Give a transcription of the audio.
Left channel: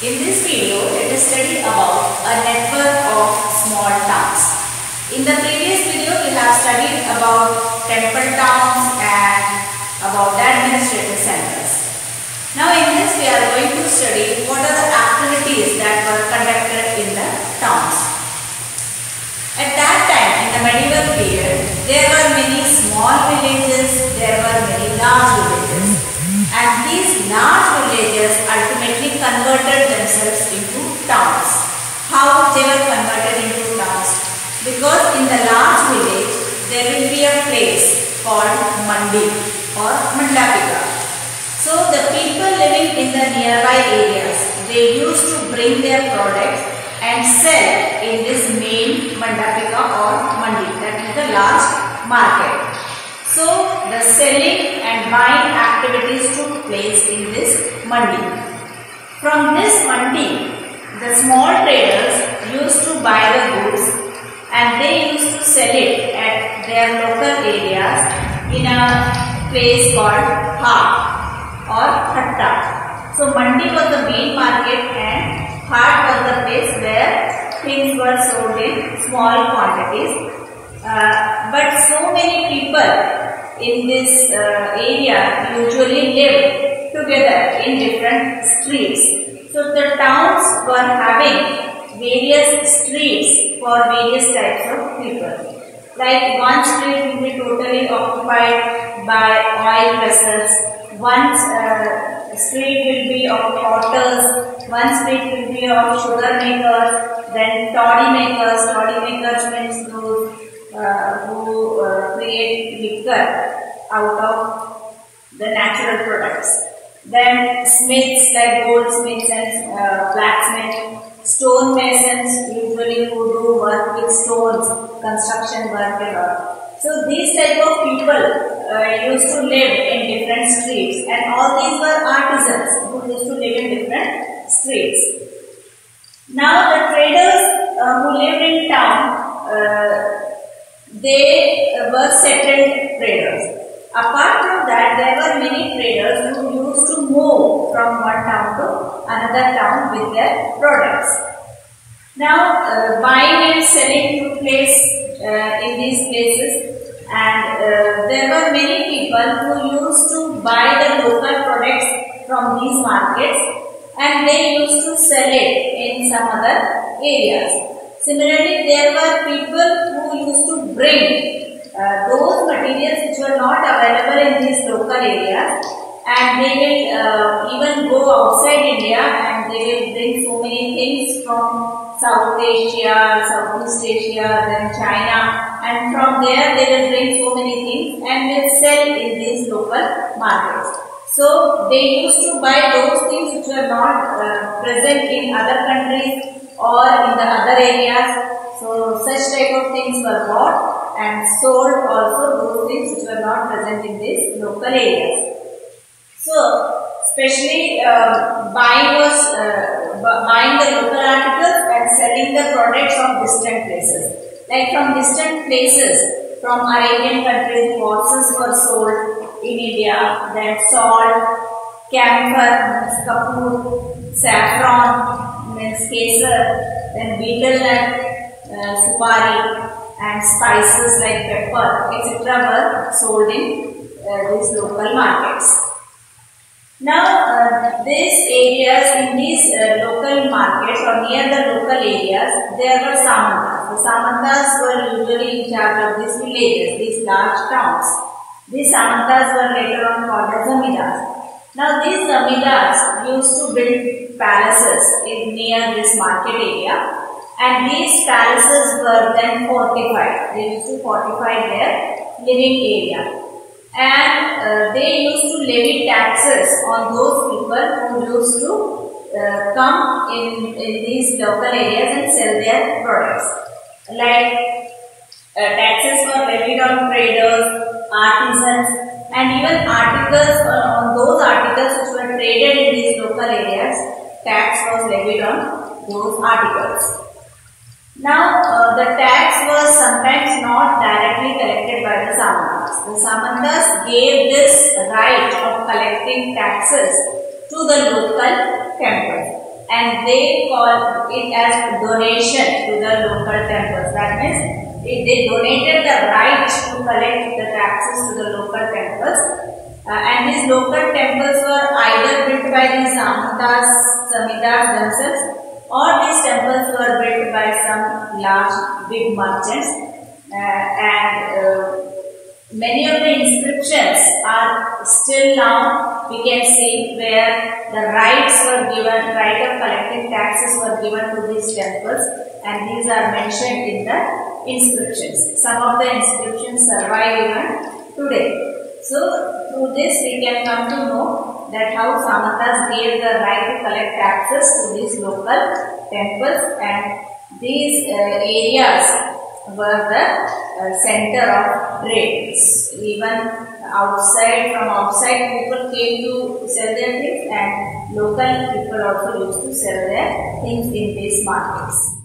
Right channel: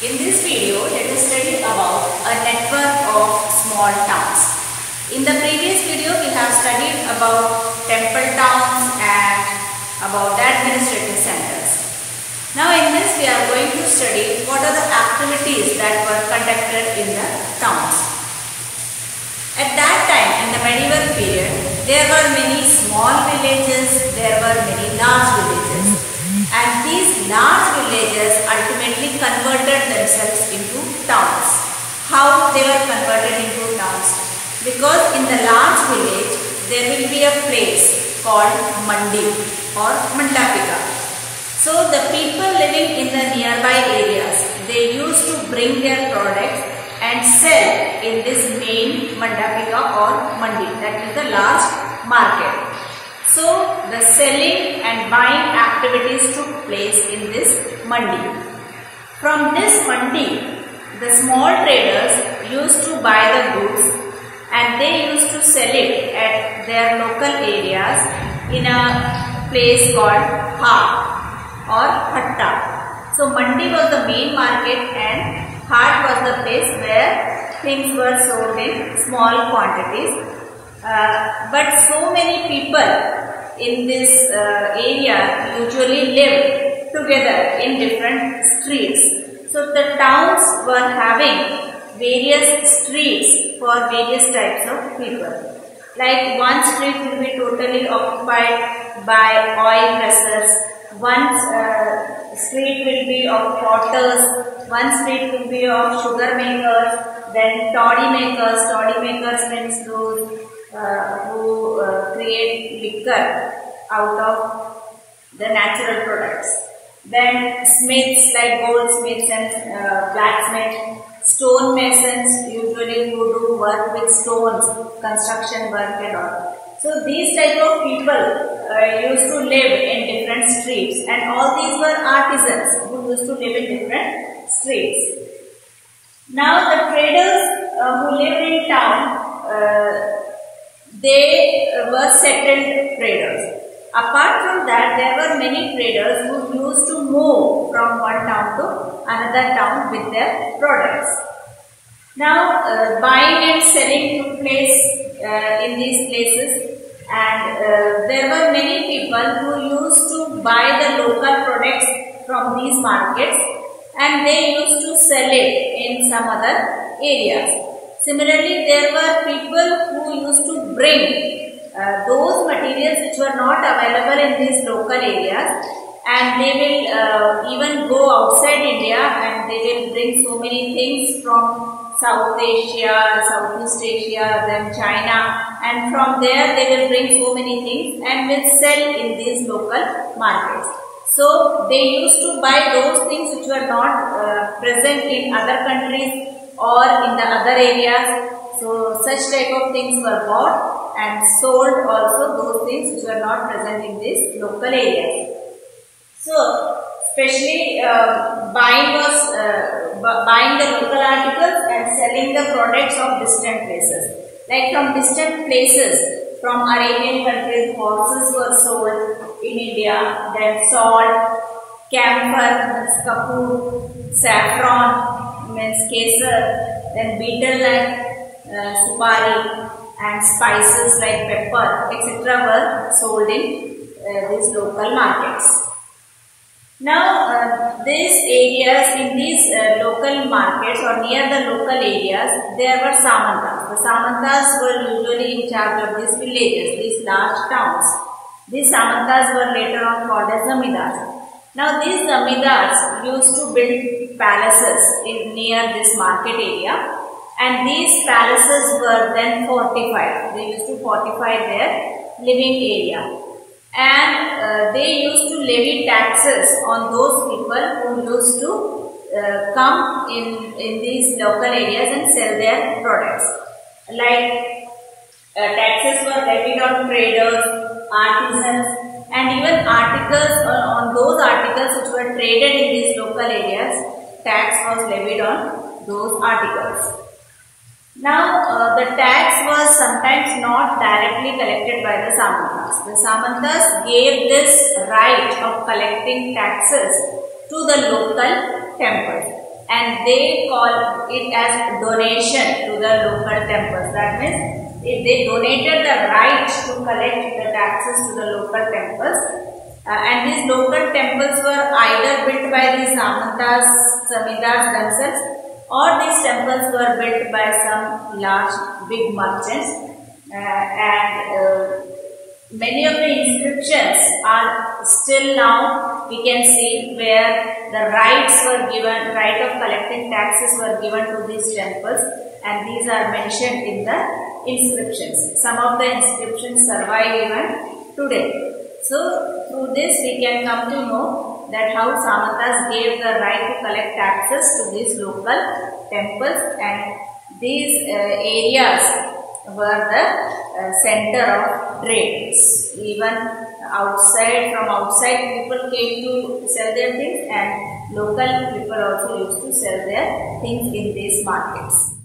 In this video, let us study about a network of small towns. In the previous video, we have studied about temple towns and about the administrative centers. Now in this, we are going to study what are the activities that were conducted in the towns. At that time, in the medieval period, there were many small villages, there were many large villages. And these large villages ultimately converted themselves into towns. How they were converted into towns? Because in the large village, there will be a place called Mandi or Mandapika. So the people living in the nearby areas, they used to bring their products and sell in this main Mandapika or Mandi, that is the large market. So the selling and buying activities took place in this Mandi. From this Mandi, the small traders used to buy the goods and they used to sell it at their local areas in a place called Haat or Hatta. So Mandi was the main market and Haat was the place where things were sold in small quantities. But so many people in this area usually live together in different streets. So the towns were having various streets for various types of people. Like one street will be totally occupied by oil pressers, one street will be of potters, one street will be of sugar makers, then toddy makers. Toddy makers means those who create liquor out of the natural products. Then smiths like goldsmiths and blacksmiths, stone masons usually who do work with stones, construction work and all. So these type of people used to live in different streets, and all these were artisans who used to live in different streets. Now the traders who lived in town, they were settled traders. Apart from that, there were many traders who used to move from one town to another town with their products. Now, buying and selling took place in these places, and there were many people who used to buy the local products from these markets and they used to sell it in some other areas. Similarly, there were people who used to bring those materials which were not available in these local areas, and they will even go outside India and they will bring so many things from South Asia, Southeast Asia, then China, and from there they will bring so many things and will sell in these local markets. So they used to buy those things which were not present in other countries or in the other areas. So such type of things were bought and sold also those things which were not present in these local areas. So especially buying the local articles and selling the products of distant places. Like from distant places, from Arabian countries, horses were sold in India, then salt, camphor, kapoor, saffron, means kesar, then betel nut, supari, and spices like pepper, etc. were sold in these local markets. Now, these areas in these local markets or near the local areas, there were samantas. The samantas were usually in charge of these villages, these large towns. These samantas were later on called as zamindars. Now, these zamindars used to build palaces near this market area. And these palaces were then fortified. They used to fortify their living area. And they used to levy taxes on those people who used to come in these local areas and sell their products. Like taxes were levied on traders, artisans, and even articles on those articles which were traded in these local areas, tax was levied on those articles. Now, the tax was sometimes not directly collected by the samantas. The samantas gave this right of collecting taxes to the local temples. and they call it as donation to the local temples. That means they donated the right to collect the taxes to the local temples, and these local temples were either built by the Samantas, Zamindars themselves, or these temples were built by some large big merchants, and many of the inscriptions are still now we can see where the rights were given, right of collecting taxes were given to these temples, and these are mentioned in the inscriptions. Some of the inscriptions survive even today. So through this we can come to know that how Samantas gave the right to collect taxes to these local temples, and these areas were the center of trade. Even from outside people came to sell their things, and local people also used to sell their things in these markets.